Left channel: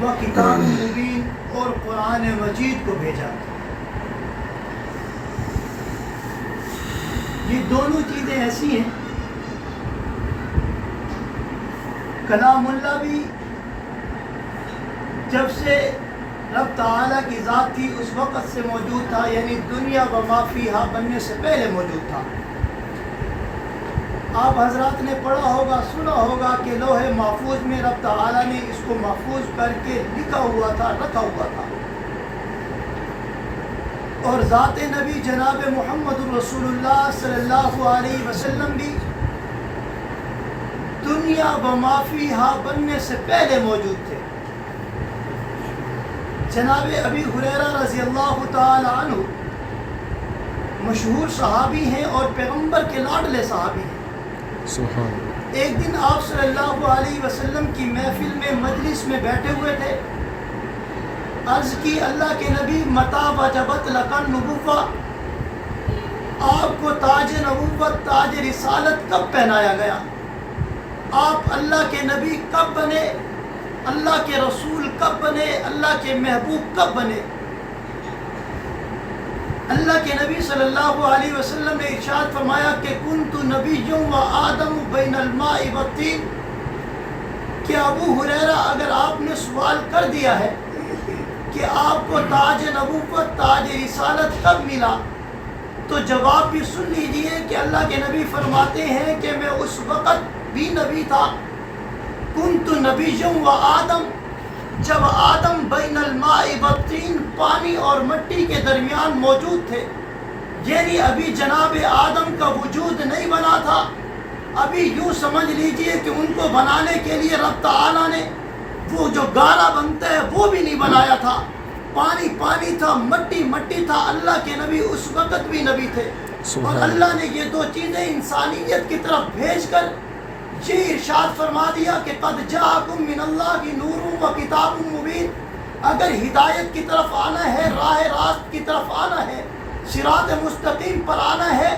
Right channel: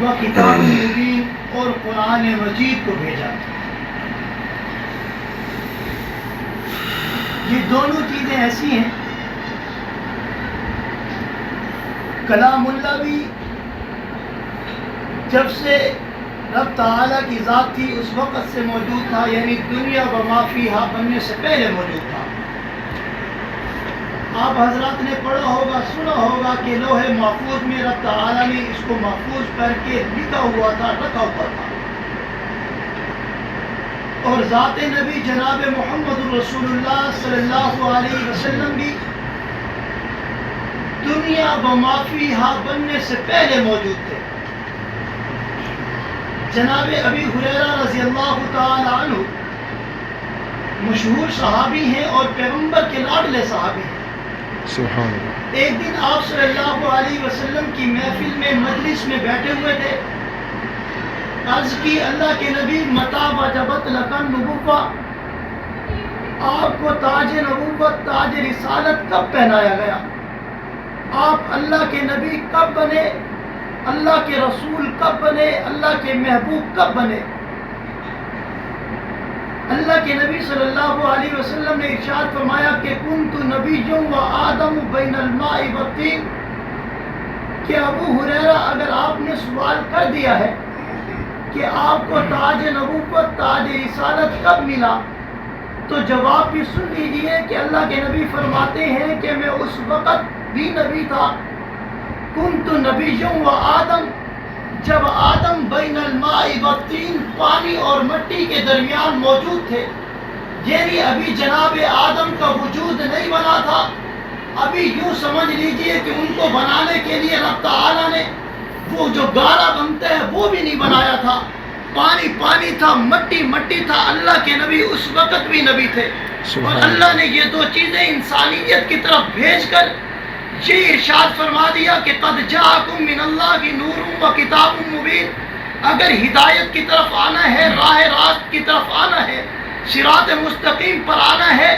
و کتاب مبین اور قرآن مجید کو بھیجا. یہ دونوں چیزیں ایسی ہیں. کلام اللہ بھی جب سے رب تعالیٰ کی ذات تھی اس وقت سے موجود تھا، یعنی دنیا و ما فیہا بننے سے پہلے موجود تھا. آپ حضرات نے پڑھا ہوگا، سنا ہوگا کہ لوح محفوظ میں رب تعالیٰ نے اس کو محفوظ کر کے لکھا ہوا تھا، رکھا ہوا تھا. اور ذات نبی جناب محمد رسول اللہ صلی اللہ علیہ وسلم بھی دنیا و ما فیہا بننے سے پہلے موجود تھے. جناب ابی ہریرہ رضی اللہ تعالی عنہ مشہور صحابی ہیں اور پیغمبر کے لاڈلے صحابی ہیں. سبحان اللہ. ایک دن آپ صلی اللہ علیہ وسلم کی محفل میں مجلس میں بیٹھے ہوئے تھے. عرض کی اللہ کے نبی متی وجبت لک النبوۃ، آپ کو تاج نبوت تاج رسالت کب پہنایا گیا؟ آپ اللہ کے نبی کب بنے؟ اللہ کے رسول کب بنے؟ اللہ کے محبوب کب بنے؟ اللہ کے نبی صلی اللہ علیہ وسلم نے ارشاد فرمایا کہ کنت نبی و آدم بین الماء والطین. کہ ابو ہریرہ اگر آپ نے سوال کر دیا ہے کہ آپ کو تاج نبوت تاج رسالت کب ملا، تو جواب بھی سن لیجئے کہ اللہ کے نبی فرماتے ہیں کہ میں اس وقت بھی نبی تھا. کنت نبی و آدم، جب آدم بین الماء والطین پانی اور مٹی کے درمیان موجود تھے، یعنی ابھی جناب آدم کا وجود نہیں بنا تھا. ابھی یوں سمجھ لیجئے کہ ان کو بنانے کے لیے رب تعالیٰ نے وہ جو گارا بنتا ہے وہ بھی نہیں بنایا تھا. پانی پانی تھا، مٹی مٹی تھا. اللہ کے نبی اس وقت بھی نبی تھے. اور اللہ نے یہ دو چیزیں انسانیت کی طرف بھیج کر یہ ارشاد فرما دیا کہ قد جاءکم من اللہ نور و کتاب مبین. اگر ہدایت کی طرف آنا ہے، راہ راست کی طرف آنا ہے، صراط مستقیم پر آنا ہے،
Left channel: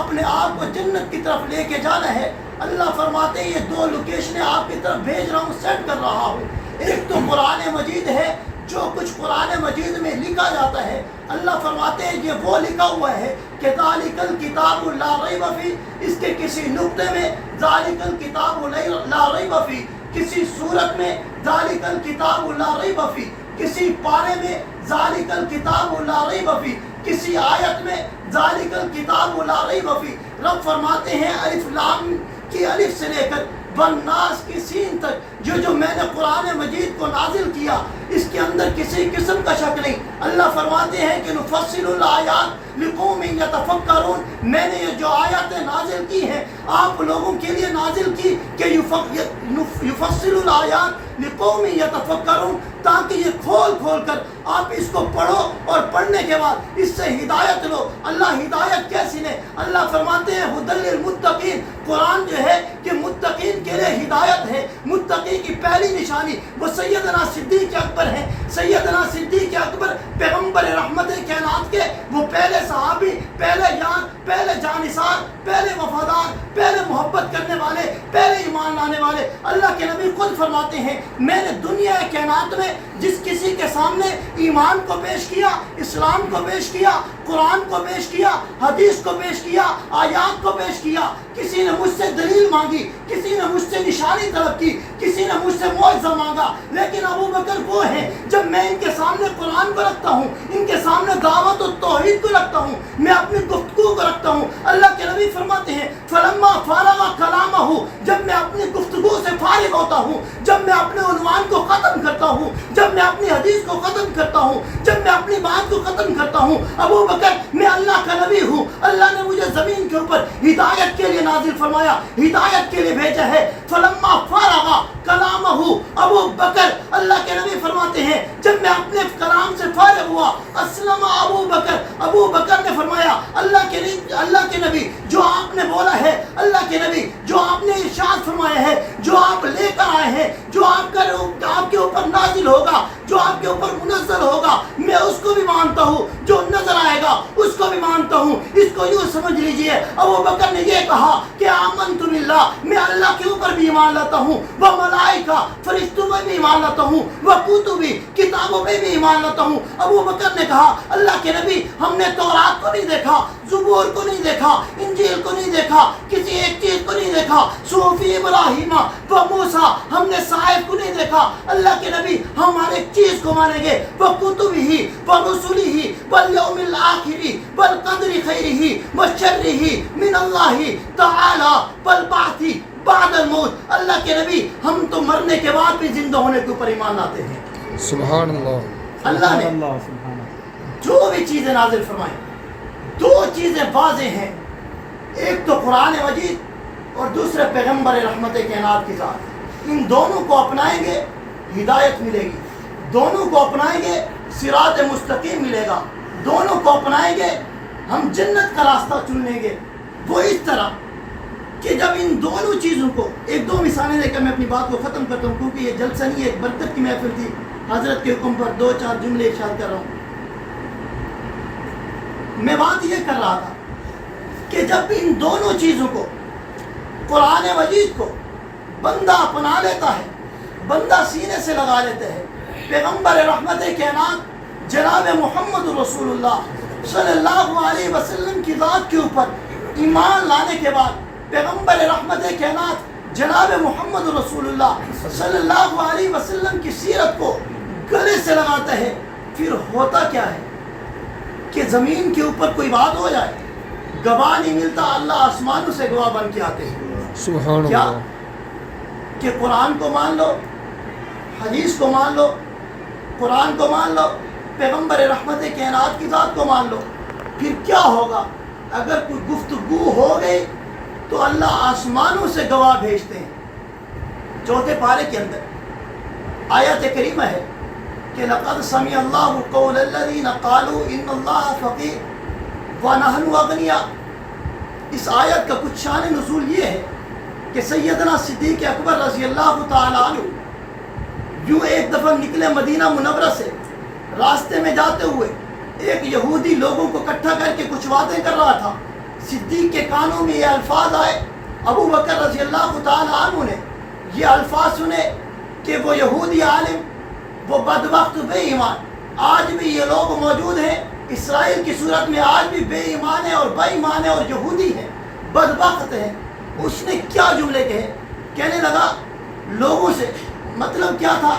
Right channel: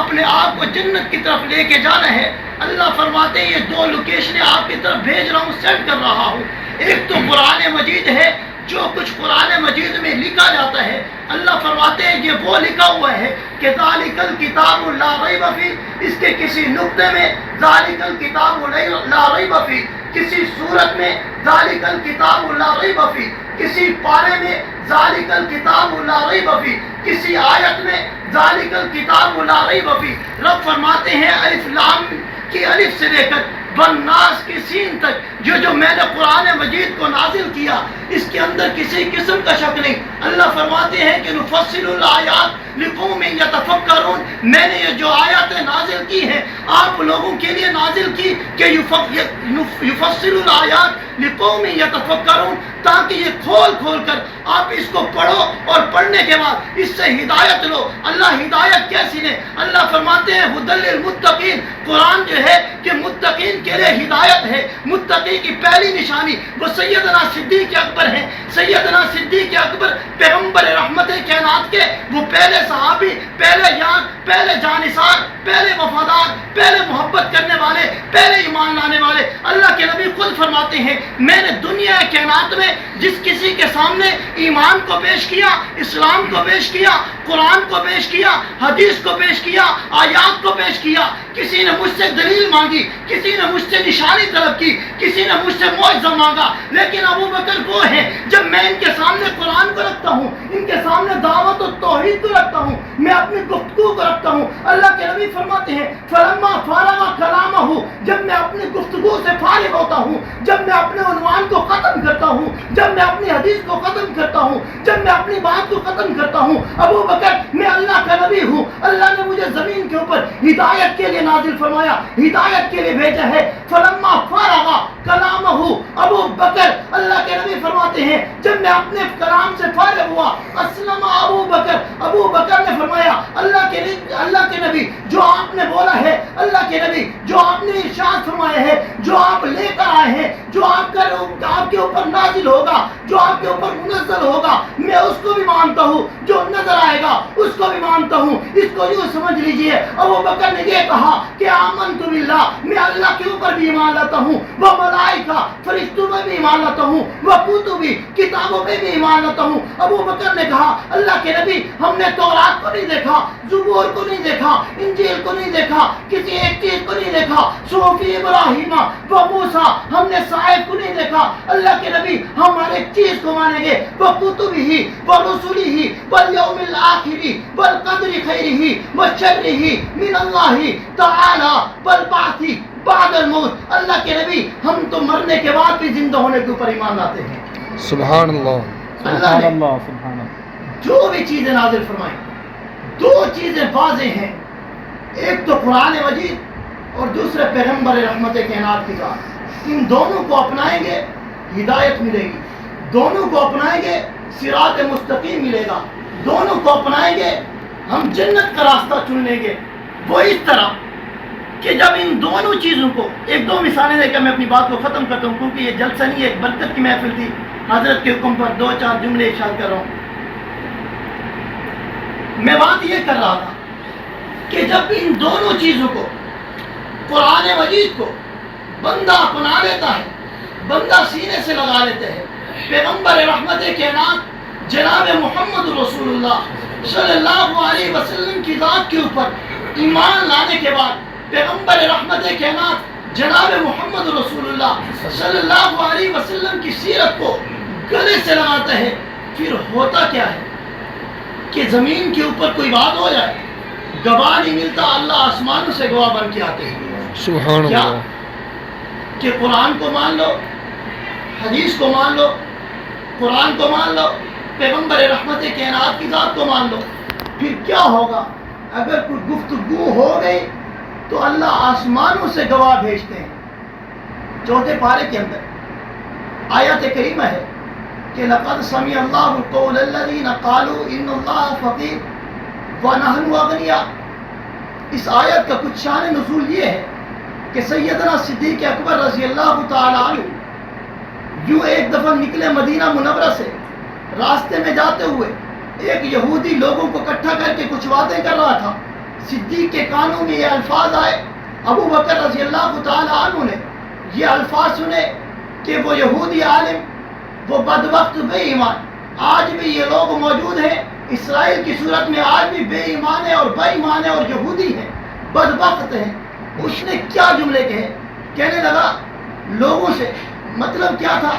اپنے آپ کو جنت کی طرف لے کے جانا ہے، اللہ فرماتے ہیں یہ دو لوکیشنیں آپ کی طرف بھیج رہا ہوں، سینڈ کر رہا ہوں. ایک تو قرآن مجید ہے، جو کچھ قرآن مجید میں لکھا جاتا ہے اللہ فرماتے ہیں یہ وہ لکھا ہوا ہے کہ ذالک الکتاب لا ریب فیہ. اس کے کسی نقطے میں ذالک الکتاب لا ریب فیہ، کسی صورت میں ذالک الکتاب لا ریب فیہ، کسی پارے میں ذالک الکتاب لا ریب فیہ، کسی آیت میں ذالک الکتاب لا ریب فیہ. رب فرماتے ہیں الف لام کی الف سے لے کر والناس کی سین تک جو میں نے قرآن مجید کو نازل کیا اس کے اندر کسی قسم کا شک نہیں. اللہ فرماتے ہیں کہ نفصل الآیات لقوم یتفکرون. میں نے یہ جو آیاتیں نازل کی ہیں آپ لوگوں کے لیے نازل کی کہ یفصل الآیات لقوم یتفکرون، تاکہ یہ کھول کھول کر آپ اس کو پڑھو اور پڑھنے کے بعد اس سے ہدایت لو. اللہ ہدایت کیسی لے؟ اللہ فرماتے ہیں ھدی للمتقین. قرآن جو ہے کہ متقین کے لیے ہدایت ہے. متقی کی پہلی نشانی وہ سیدنا صدیق اکبر ہیں. سیدنا صدیق اکبر پیغمبر رحمت کائنات کے وہ پہلے صحابی، پہلے جانثار، پہلے وفادار، پہلے محبت کرنے والے، پہلے ایمان لانے والے. اللہ کے نبی خود فرماتے ہیں میں نے دنیا کائنات میں جس کسی کے سامنے ایمان کو پیش کیا، اسلام کو پیش کیا، قرآن کو پیش کیا، حدیث کو پیش کیا، آیات کو پیش کیا، کسی نے مجھ سے دلیل مانگی، کسی نے مجھ سے نشانی طلب کی، کسی نے مجھ سے معجزہ مانگا، لیکن ابو بکر وہ ہیں جب میں ان کے سامنے قرآن کو رکھتا ہوں، ان کے سامنے دعوت و توحید کو رکھتا ہوں، میں اپنی گفتگو کو رکھتا ہوں. اللہ کے نبی فرماتے ہیں فلما فارغ کلامہ، جب میں اپنی گفتگو سے فارغ ہوتا ہوں، جب میں اپنے عنوان کو ختم کرتا ہوں، جب میں اپنی حدیث کو ختم کرتا ہوں، جب میں اپنی بات کو ختم کرتا ہوں، ابو بکر میں اللہ کا نبی ہوں، اللہ نے مجھے زمین کے اوپر ہدایت کے لیے نازل فرمایا، ہدایت کے لیے بھیجا ہے. فلما فارغ کلامہ، ابو بکر اللہ کے نبی فرماتے ہیں جب میں اپنے کلام سے فارغ ہوا اسلم ابو بکر، ابو بکر نے فرمایا اللہ کے نبی جو آپ نے بولا ہے، اللہ کے نبی جو آپ نے ارشاد فرمایا ہے، جو آپ لے کر آئے ہیں، جو آپ کی کے اوپر نازل ہوگا، جو آپ کے اوپر منزل ہوگا، میں اس کو بھی مانتا ہوں، جو نظر آئے گا اس کو بھی مانتا ہوں۔ اس کو یوں سمجھ لیجئے، ابوبکر نے یہ کہا کہ آمنت باللہ، میں اللہ کے اوپر بھی ایمان لاتا ہوں، وہ ملائکہ فرشتوں میں بھی ایمان لاتا ہوں، وہ کتبی کتابوں میں بھی ایمان لاتا ہوں۔ ابوبکر نے کہا اللہ کے نبی ہم نے تورات کو نہیں دیکھا، زبور کو نہیں دیکھا، انجیل کو نہیں دیکھا، کسی ایک چیز کو نہیں دیکھا، صحف ابراہیم و موسیٰ ہم نے صحائف کو نہیں دیکھا۔ اللہ کے نبی ہم ہر ایک چیز کو مانیں گے، وہ کتبی ہی و رسولی ہی والیوم الآخری والقدر خیرہ و شرہ من اللہ تعالی والبعث بعد الموت۔ اللہ کے نبی ہم تو مرنے کے بعد بھی زندہ ہونے کے اوپر ایمان لاتے ہیں۔ سبحان اللہ، اللہ نے سبحان جو بھی چیزیں نازل فرمائیں، دو چیزیں واضح ہیں، ایک تو قرآن مجید اور دوسرے پیغمبر رحمت کائنات کی ذات۔ ان دونوں کو اپنائیں گے ہدایت ملے گی، دونوں کو اپنائیں گے صراط مستقیم ملے گا، دونوں کو اپنائیں گے ہم جنت کا راستہ چن لیں گے۔ وہ اس طرح کہ جب ان دونوں چیزوں کو، ایک دو مثالیں دے کر میں اپنی بات کو ختم کرتا ہوں، کیونکہ یہ جلسہ نہیں، ایک برکت کی محفل تھی، حضرت کے حکم پر دو چار جملے ارشاد کر رہا ہوں۔ میں بات یہ کر رہا تھا کہ جب ان دونوں چیزوں کو، قرآن مجید کو بندہ اپنا لیتا ہے، بندہ سینے سے لگا لیتے ہیں، پیغمبر رحمت کائنات جناب محمد رسول اللہ صلی اللہ علیہ وسلم کی ذات کے اوپر ایمان لانے کے بعد پیغمبر رحمت کائنات جناب محمد رسول اللہ صلی اللہ علیہ وسلم کی سیرت کو گلے سے لگاتے ہیں، پھر ہوتا کیا ہے کہ زمین کے اوپر کوئی بات ہو جائے، گواہ نہیں ملتا، اللہ آسمانوں سے گواہ بن کے آتے ہیں۔ سبحان کیا اللہ، کہ قرآن کو مان لو، حدیث کو مان لو، قرآن کو مان لو، پیغمبر رحمت کائنات کی ذات کو مان لو، پھر کیا ہوگا؟ اگر کوئی گفتگو ہو گئی تو اللہ آسمانوں سے گواہ بھیجتے ہیں۔ چوتھے پارے کے اندر آیت کریمہ ہے کہ لقد سمع اللہ قول الذین قالوا ان اللہ فقیر ونحن اغنیاء۔ اس آیت کا کچھ شان نزول یہ ہے کہ سیدنا صدیق اکبر رضی اللہ تعالی عنہ یوں ایک دفعہ نکلے مدینہ منورہ سے، راستے میں جاتے ہوئے ایک یہودی لوگوں کو اکٹھا کر کے کچھ باتیں کر رہا تھا۔ صدیق کے کانوں میں یہ الفاظ آئے، ابو بکر رضی اللہ تعالی عنہ نے یہ الفاظ سنے کہ وہ یہودی عالم، وہ بدبخت بے ایمان، آج بھی یہ لوگ موجود ہیں اسرائیل کی صورت میں، آج بھی بے ایمان ہیں اور بے ایمان ہیں اور یہودی ہیں، بدبخت ہیں۔ اس نے کیا جملے کہے؟ کہنے لگا لوگوں سے، مطلب کیا تھا؟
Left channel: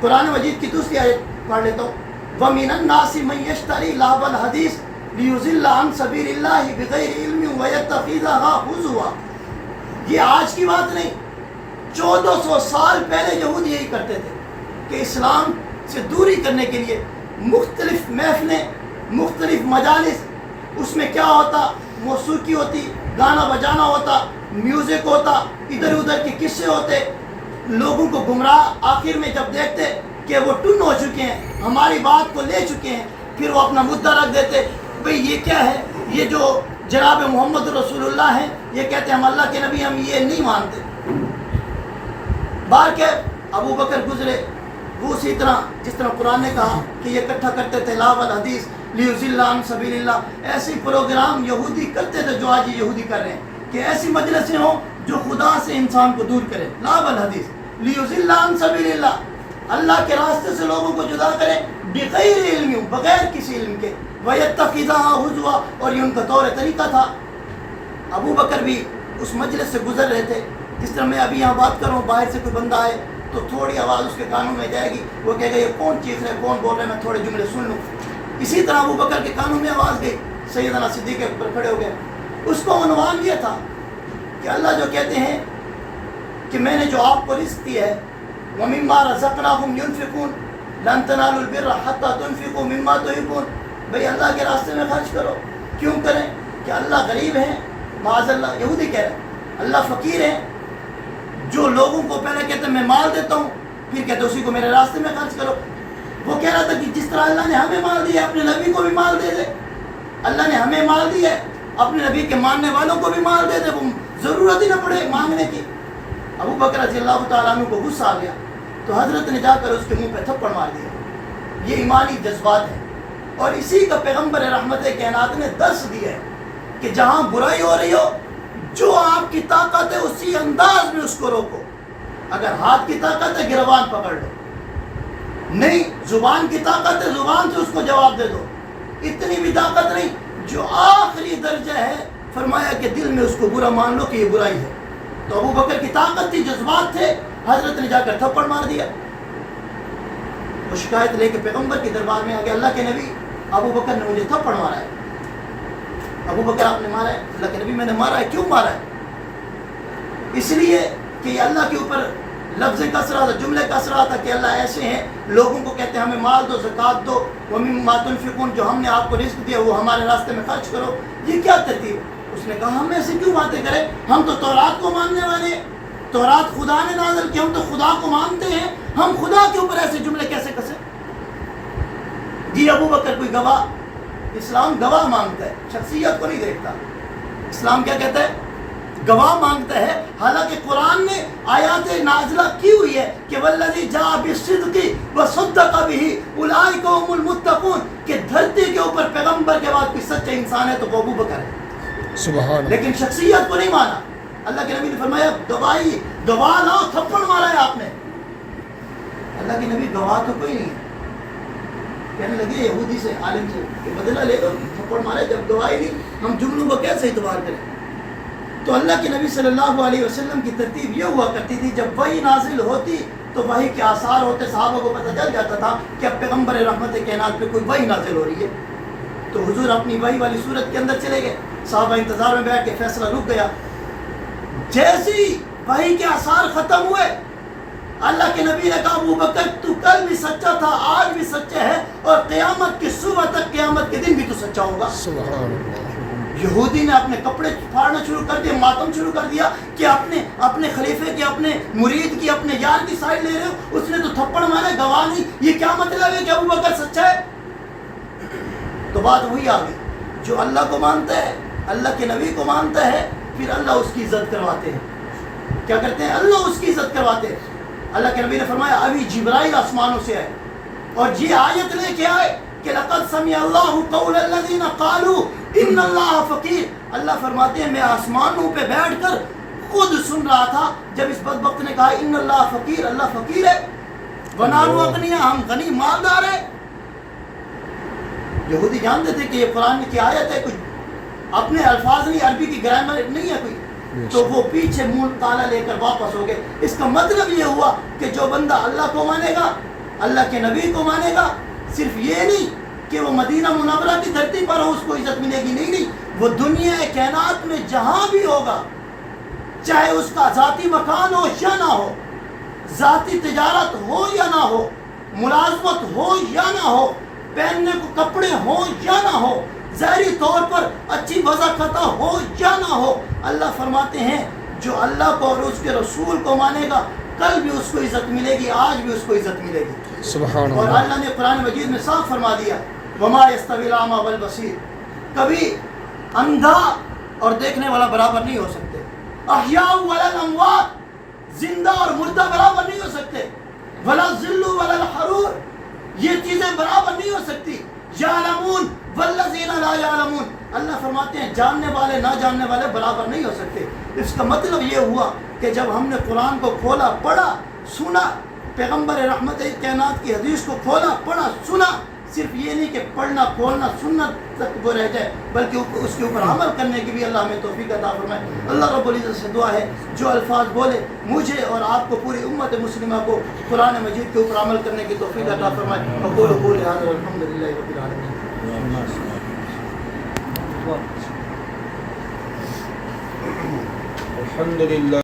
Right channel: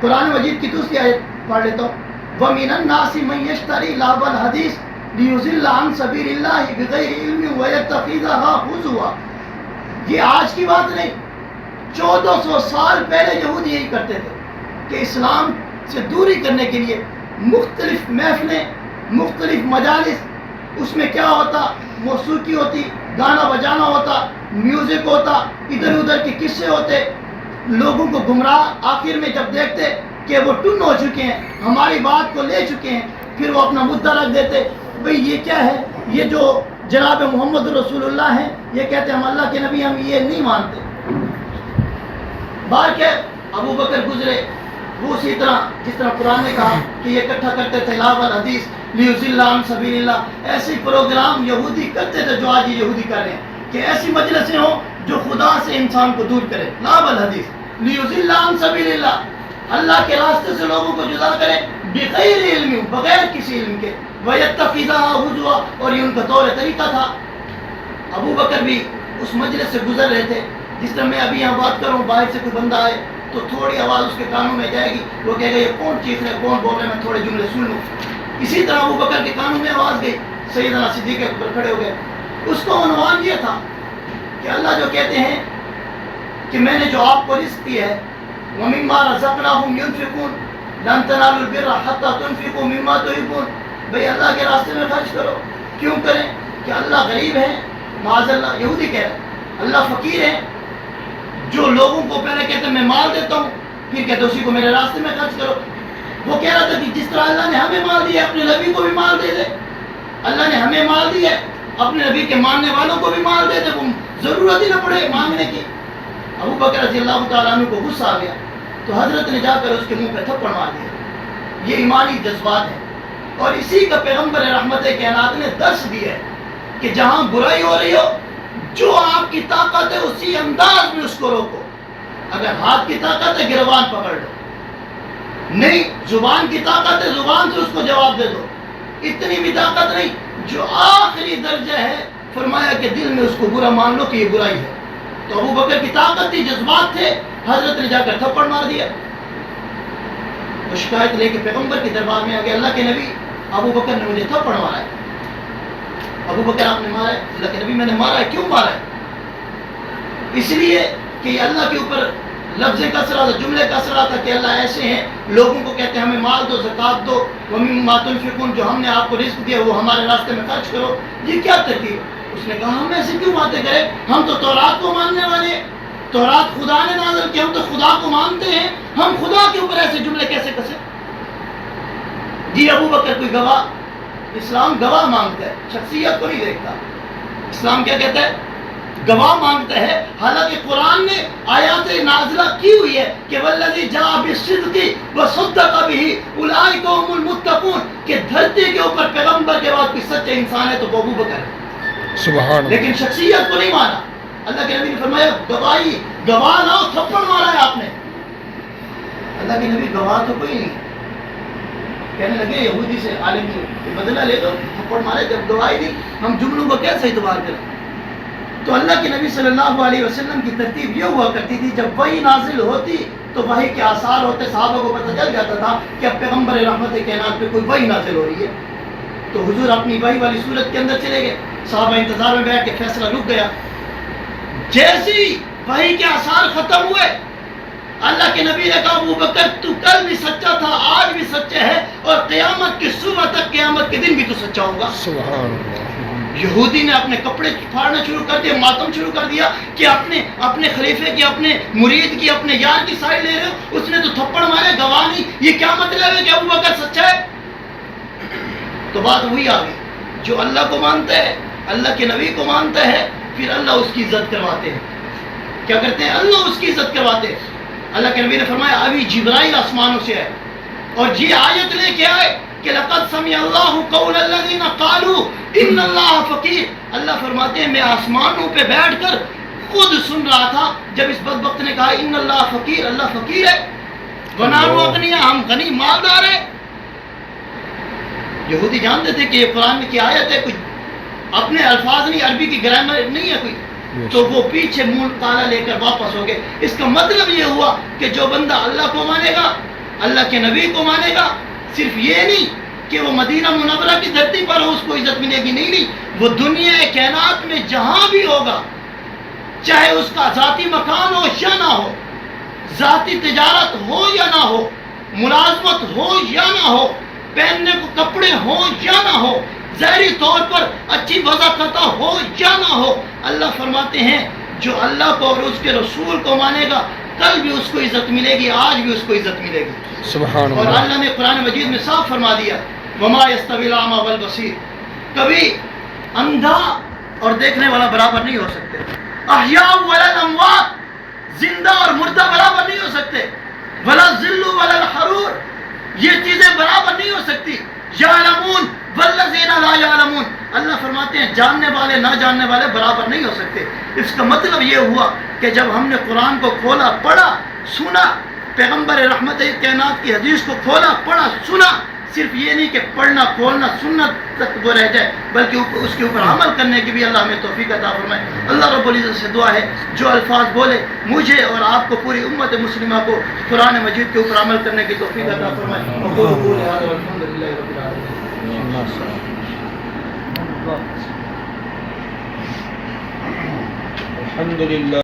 قرآن مجید کی دوسری آیت پڑھ لیتا ہوں، وَمِنَ النَّاسِ مَن يَشْتَرِي لَهْوَ الْحَدِيثِ لِيُضِلَّ عَن سَبِيلِ اللَّهِ بِغَيْرِ عِلْمٍ وَيَتَّخِذَهَا هُزُوًا۔ یہ آج کی بات نہیں، 1400 سال پہلے یہود یہی کرتے تھے کہ اسلام سے دوری کرنے کے لیے مختلف محفلیں، مختلف مجالس، اس میں کیا ہوتا؟ موسیقی ہوتی، گانا بجانا ہوتا، میوزک ہوتا، ادھر ادھر کے قصے ہوتے، لوگوں کو گمراہ، آخر میں جب دیکھتے کہ وہ ٹن ہو چکے ہیں، ہماری بات کو لے چکے ہیں، پھر وہ اپنا مدعا رکھ دیتے، بھئی یہ کیا ہے؟ یہ جو جناب محمد رسول اللہ ہیں، یہ کہتے ہیں ہم اللہ کے نبی، ہم یہ نہیں مانتے۔ بار کے ابو بکر گزرے، وہ اسی طرح جس طرح قرآن نے کہا کہ یہ اکٹھا کرتے تھے لاو الحدیث لیضل عن سبیل اللہ، ایسے پروگرام یہودی کرتے تھے جو آج یہ یہودی کر رہے ہیں، کہ ایسی مجلسیں ہوں جو خدا سے انسان کو دور کرے، لاو الحدیث لیضل عن سبیل اللہ، اللہ کے راستے سے لوگوں کو جدا کرے، بغیر علم، بغیر کسی علم کے، وَيَتَّخِذَهَا هُزُوًا، اور یہ ان کا طور طریقہ تھا۔ ابو بکر بھی اس مجلس سے گزر رہے تھے، جس طرح میں ابھی یہاں بات کر رہا ہوں، باہر سے کوئی بندہ آئے تو تھوڑی آواز اس کے کانوں میں جائے گی، وہ کہے گا یہ کون چیخ رہا ہے، کون بول رہا ہے، میں تھوڑے جملے سن لوں۔ اسی طرح ابو بکر کے کانوں میں آواز گئی، سیدنا صدیق اکبر کھڑے ہو گئے۔ اس کو عنوان یہ تھا کہ اللہ جو کہتے ہیں کہ میں نے جو آپ کو رزق دی ہے، وَمِمَّا رَزَقْنَاهُمْ يُنْفِقُونَ لَن تَنَالُوا الْبِرَّ حَتَّى تُنْفِقُوا مِمَّا تُحِبُّونَ۔ بھئی اللہ کے راستے میں خرچ کرو، کیوں کریں؟ کہ اللہ غریب ہے، معاذ اللہ، یہودی کہہ رہے ہیں، اللہ فقیر ہے، جو لوگوں کو پہلے کہتے ہیں میں مال دیتا ہوں، پھر کہتے ہیں اسی کو میرے راستے میں خرچ کرو۔ وہ کہہ رہا تھا کہ جس طرح اللہ نے ہمیں مال دیا ہے، اپنے نبی کو بھی مال دے دے، اللہ نے ہمیں مال دیا ہے، اپنے نبی کے ماننے والوں کو بھی مال دے دے، وہ ضرورت ہی نہ پڑے مانگنے کی۔ ابو بکر رضی اللہ تعالیٰ عنہ کو غصہ آ گیا، تو حضرت نے جا کر اس کے منہ پہ تھپڑ مار دیا. یہ ایمانی جذبات ہے. اور اسی کا پیغمبر رحمت کائنات نے درس دیا ہے کہ جہاں برائی ہو رہی ہو، جو آپ کی طاقت ہے اسی انداز میں اس کو روکو. اگر ہاتھ کی طاقت ہے گروان پکڑ لو، نہیں زبان کی طاقت ہے زبان سے اس کو جواب دے دو. اتنی بھی طاقت نہیں. جو آخری درجہ ہے فرمایا کہ دل میں اس کو برا مان لو کہ یہ برائی ہے. تو ابو بکر کی طاقت تھی، جذبات تھے، حضرت نے جا کر تھپڑ مار دیا. وہ شکایت لے کے پیغمبر کے دربار میں آ گیا، اللہ کے نبی ابو بکر نے مجھے تھپڑ مارا ہے. ابو بکر آپ نے مارا ہے؟ اللہ کے نبی میں نے مارا ہے. کیوں مارا ہے؟ اس لیے کہ یہ اللہ کے اوپر لفظ کثرہ تھا، جملے کثرہ تھا کہ اللہ ایسے ہیں، لوگوں کو کہتے ہیں ہمیں مال دو، زکوٰۃ دو، وَمِمَّا تُنْفِقُونَ، جو ہم نے آپ کو رزق دیا وہ ہمارے راستے میں خرچ کرو. یہ کیا ترتیب؟ اس نے کہا ہم ایسے کیوں باتیں کریں، ہم تو تورات کو ماننے والے ہیں، تورات خدا نے نازل کی، ہم تو خدا کو مانتے ہیں، ہم خدا کے اوپر ایسے جملے کیسے کسے؟ جی ابو بکر کوئی گواہ، اسلام گواہ مانگتا ہے، شخصیت کو نہیں دیکھتا. اسلام کیا کہتا ہے؟ گواہ مانگتا ہے. حالانکہ قرآن نے آیات نازلہ کی ہوئی ہے کہ والذی جاء بالصدق وصدق به اولئک هم المتقون، کہ دھرتی کے اوپر پیغمبر کے بعد کوئی سچا انسان ہے تو وہ ابو بکر ہے. سبحان اللہ. لیکن شخصیت کو نہیں مانا. اللہ کے نبی نے فرمایا گواہی، گواہ لاؤ، تھپڑ مارا ہے آپ نے. اللہ کے نبی گواہ تو کوئی نہیں. کہنے لگے یہودی سے عالم سے بدلہ لے دو، تھپڑ مارے جب گواہی نہیں، ہم جملوں کو کیسے اعتبار کریں؟ تو اللہ کے نبی صلی اللہ علیہ وسلم کی ترتیب یہ ہوا کرتی تھی، جب وحی نازل ہوتی تو وحی کے آثار ہوتے، صحابہ کو پتہ چل جاتا تھا کہ اب پیغمبر رحمت کائنات پہ کوئی وحی نازل ہو رہی ہے. تو حضور اپنی وحی والی صورت کے اندر چلے گئے، صحابہ انتظار میں بیٹھ کے فیصلہ رک گیا. جیسی وحی کے آثار ختم ہوئے، اللہ کے نبی نے کہا ابو بکر تو کل بھی سچا تھا، آج بھی سچا ہے، اور قیامت کی صبح تک، قیامت کے دن بھی تو سچا ہوگا. سبحان اللہ. یہودی نے اپنے کپڑے پھاڑنا شروع کر دیا، ماتم شروع کر دیا کہ اپنے خلیفے کی، اپنے مرید کی، اپنے یار کی سائڈ لے رہے ہو، اس نے تو تھپڑ مارے، گواہ نہیں. یہ کیا مطلب ہے کہ ابو بکر سچا ہے؟ تو بات وہی آ گئی، جو اللہ کو مانتا ہے، اللہ کے نبی کو مانتا ہے، پھر اللہ اس کی عزت کرواتے ہیں. کیا کرتے ہیں؟ اللہ اس کی عزت کرواتے ہیں. اللہ کے نبی نے فرمایا ابھی جبرائیل آسمانوں سے آئے اور یہ آیت لے کے آئے کہ لقد سمع اللہ قول الذین قالوا ان اللہ فقیر. اللہ فرماتے ہیں میں آسمانوں پہ بیٹھ کر خود سن رہا تھا جب اس بدبخت نے کہا ان اللہ فقیر، اللہ فقیر ہے، ونحن اغنیاء، ہم غنی مالدار ہیں. یہودی جانتے تھے کہ یہ قرآن کی آیت ہے، کوئی اپنے الفاظ نہیں، عربی کی گرامر نہیں ہے کوئی. تو وہ پیچھے منہ کالا لے کر واپس ہو گئے. اس کا مطلب یہ ہوا کہ جو بندہ اللہ کو مانے گا، اللہ کے نبی کو مانے گا، صرف یہ نہیں کہ وہ مدینہ منورہ کی دھرتی پر ہو اس کو عزت ملے گی، نہیں، وہ دنیا کائنات میں جہاں بھی ہوگا، چاہے اس کا ذاتی مکان ہو یا نہ ہو، ذاتی تجارت ہو یا نہ ہو، ملازمت ہو یا نہ ہو، پہننے کو کپڑے ہوں یا نہ ہو، ظاہری طور پر اچھی وضاحت ہو یا نہ ہو، اللہ فرماتے ہیں جو اللہ کو اور اس کے رسول کو مانے گا کل بھی اس کو عزت ملے گی، آج بھی اس کو عزت ملے گی. سبحان اور اللہ. اللہ نے قرآن مجید میں صاف فرما دیا وما یستوی الاعمی والبصیر، کبھی اندھا اور دیکھنے والا برابر نہیں ہو سکتے. احیاء ولا الاموات، زندہ اور مردہ برابر نہیں ہو سکتے. ولا الظل ولا الحرور، یہ چیزیں برابر نہیں ہو سکتی. یعلمون والذین لا یعلمون، اللہ فرماتے ہیں جاننے والے نہ جاننے والے برابر نہیں ہو سکتے. اس کا مطلب یہ ہوا کہ جب ہم نے قرآن کو کھولا، پڑھا، سنا، پیغمبر رحمت کائنات کی حدیث کو کھولا، پڑھا، سنا، صرف یہ نہیں کہ پڑھنا، کھولنا، سننا تک وہ رہ جائے، بلکہ اس کے اوپر عمل کرنے کی بھی اللہ ہمیں توفیق عطا فرمائے. اللہ رب العزت سے دعا ہے جو الفاظ بولے مجھے اور آپ کو، پوری امت مسلمہ کو قرآن مجید کے اوپر عمل کرنے کی توفیق عطا فرمائے. اقول قولی ھذا والحمد للہ رب العالمین. الحمد للہ.